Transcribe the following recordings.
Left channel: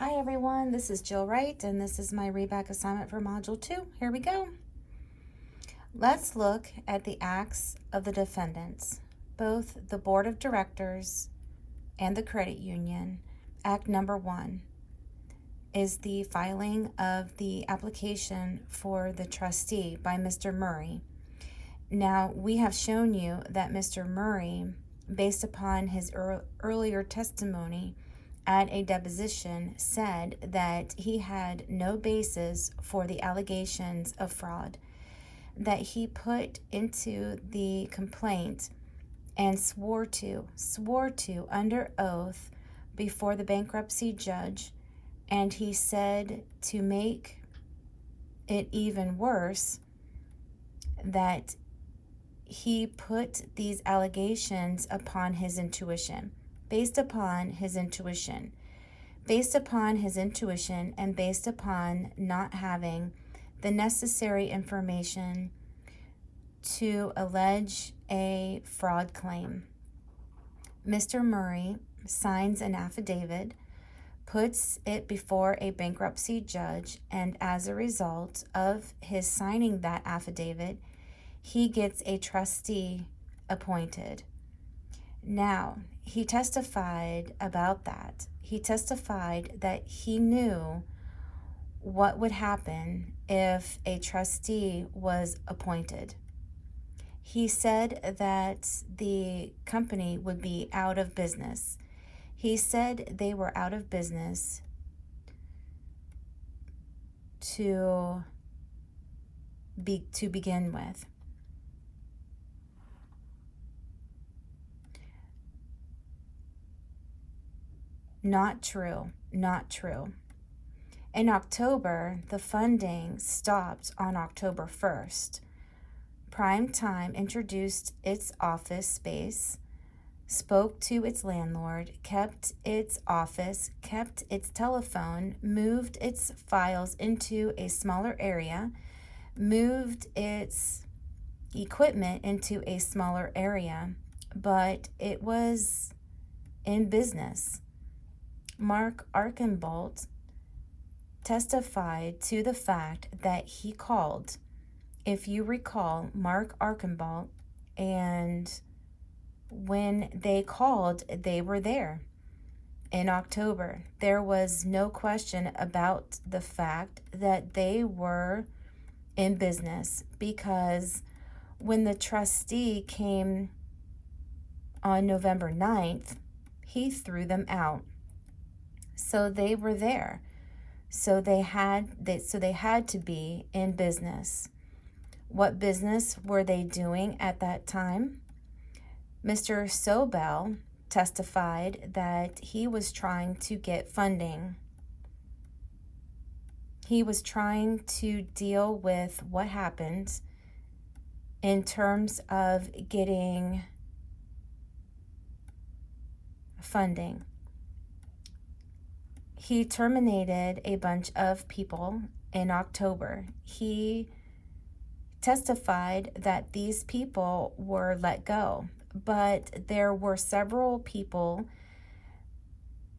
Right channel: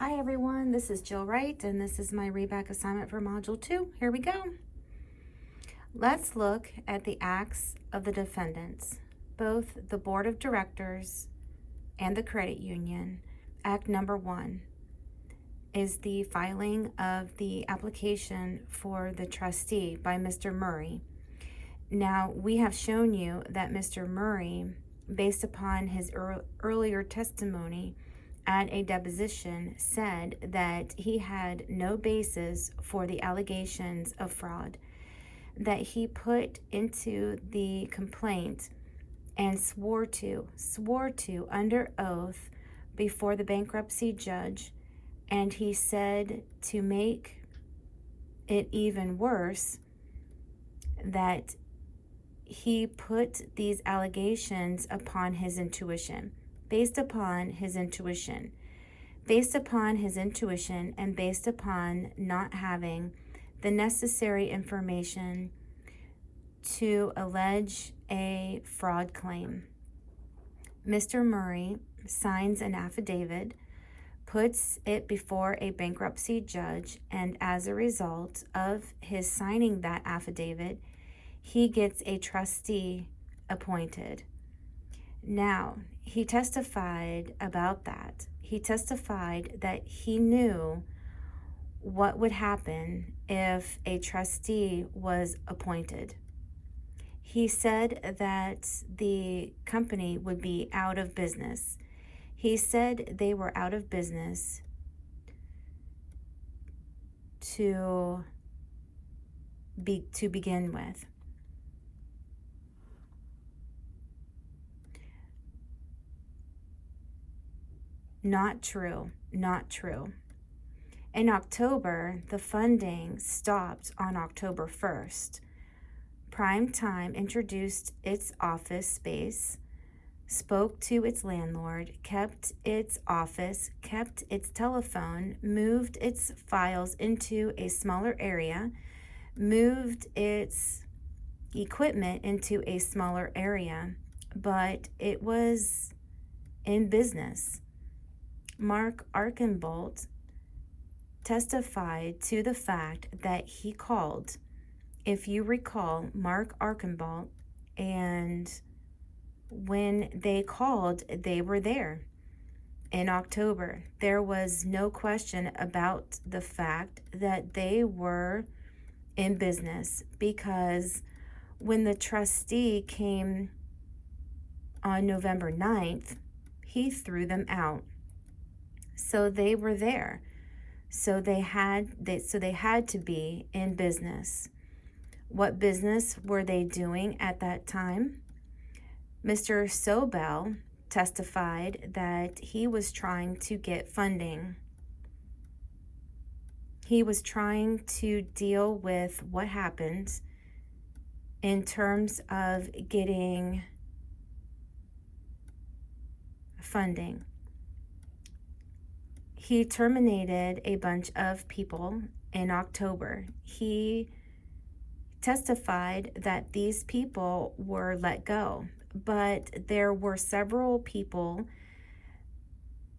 Hi everyone, this is Jill Wright and this is my readback assignment for Module 2. Here we go. Let's look at the acts of the defendants, both the Board of Directors and the credit union. Act number 1 is the filing of the application for the trustee by Mr. Murray. Now, we have shown you that Mr. Murray, based upon his earlier testimony at a deposition, said that he had no basis for the allegations of fraud that he put into the complaint and swore to under oath before the bankruptcy judge. And he said, to make it even worse, that he put these allegations upon his intuition, based upon his intuition, and based upon not having the necessary information to allege a fraud claim. Mr. Murray signs an affidavit, puts it before a bankruptcy judge, and as a result of his signing that affidavit, he gets a trustee appointed. Now, he testified about that. He testified that he knew what would happen if a trustee was appointed. He said that the company would be out of business. He said they were out of business to begin with. Not true, not true. In October, the funding stopped on October 1st. Prime Time introduced its office space, spoke to its landlord, kept its office, kept its telephone, moved its files into a smaller area, moved its equipment into a smaller area, but it was in business. Mark Archambault testified to the fact that he called. If you recall, Mark Archambault, and when they called, they were there in October. There was no question about the fact that they were in business, because when the trustee came on November 9th, he threw them out. So they were there. So they had to be in business. What business were they doing at that time? Mr. Sobel testified that he was trying to get funding. He was trying to deal with what happened in terms of getting funding. He terminated a bunch of people in October. He testified that these people were let go, but there were several people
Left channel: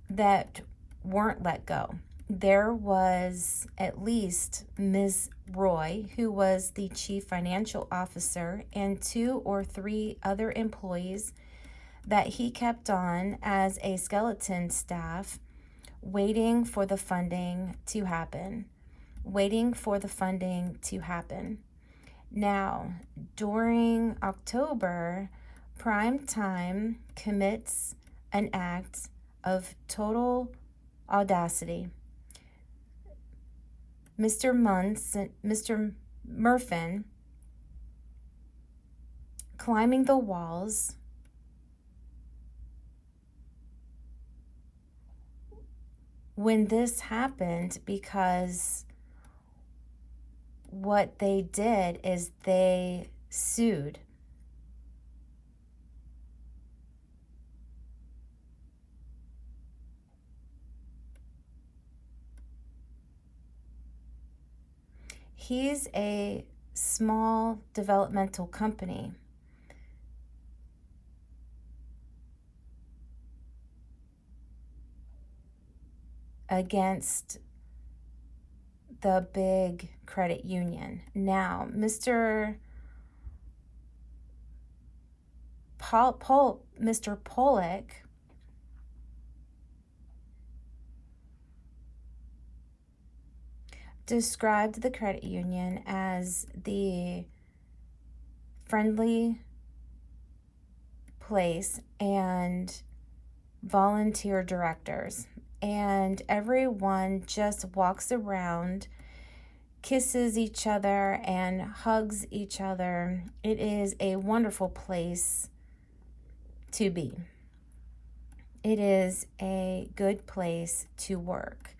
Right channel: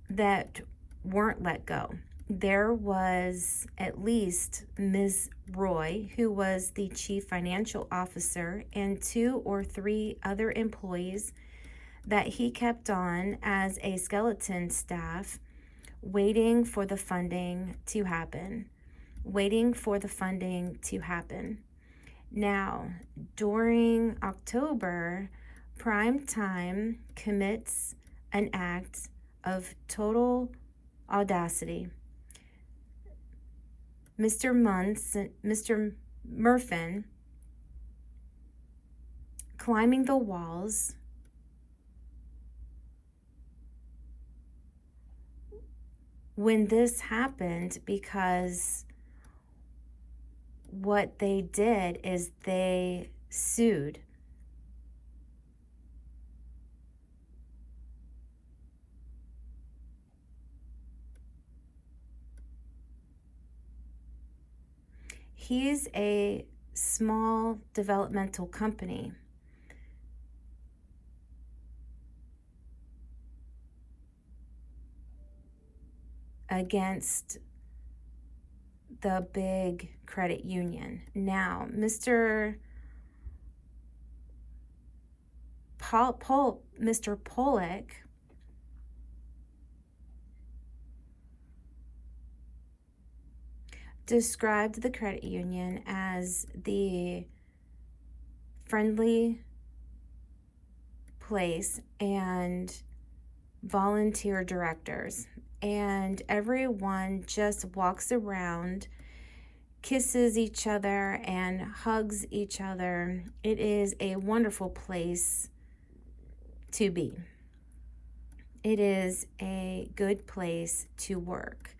that weren't let go. There was at least Ms. Roy, who was the chief financial officer, and 2 or 3 other employees that he kept on as a skeleton staff, waiting for the funding to happen. Now, during October, Prime Time commits an act of total audacity. Mr. Murfin climbing the walls, when this happened, because what they did is they sued. He's a small developmental company. against the big credit union. Now, Mr. Pollock described the credit union as the friendly place and volunteer directors, and everyone just walks around, kisses each other and hugs each other. It is a wonderful place to be. It is a good place to work.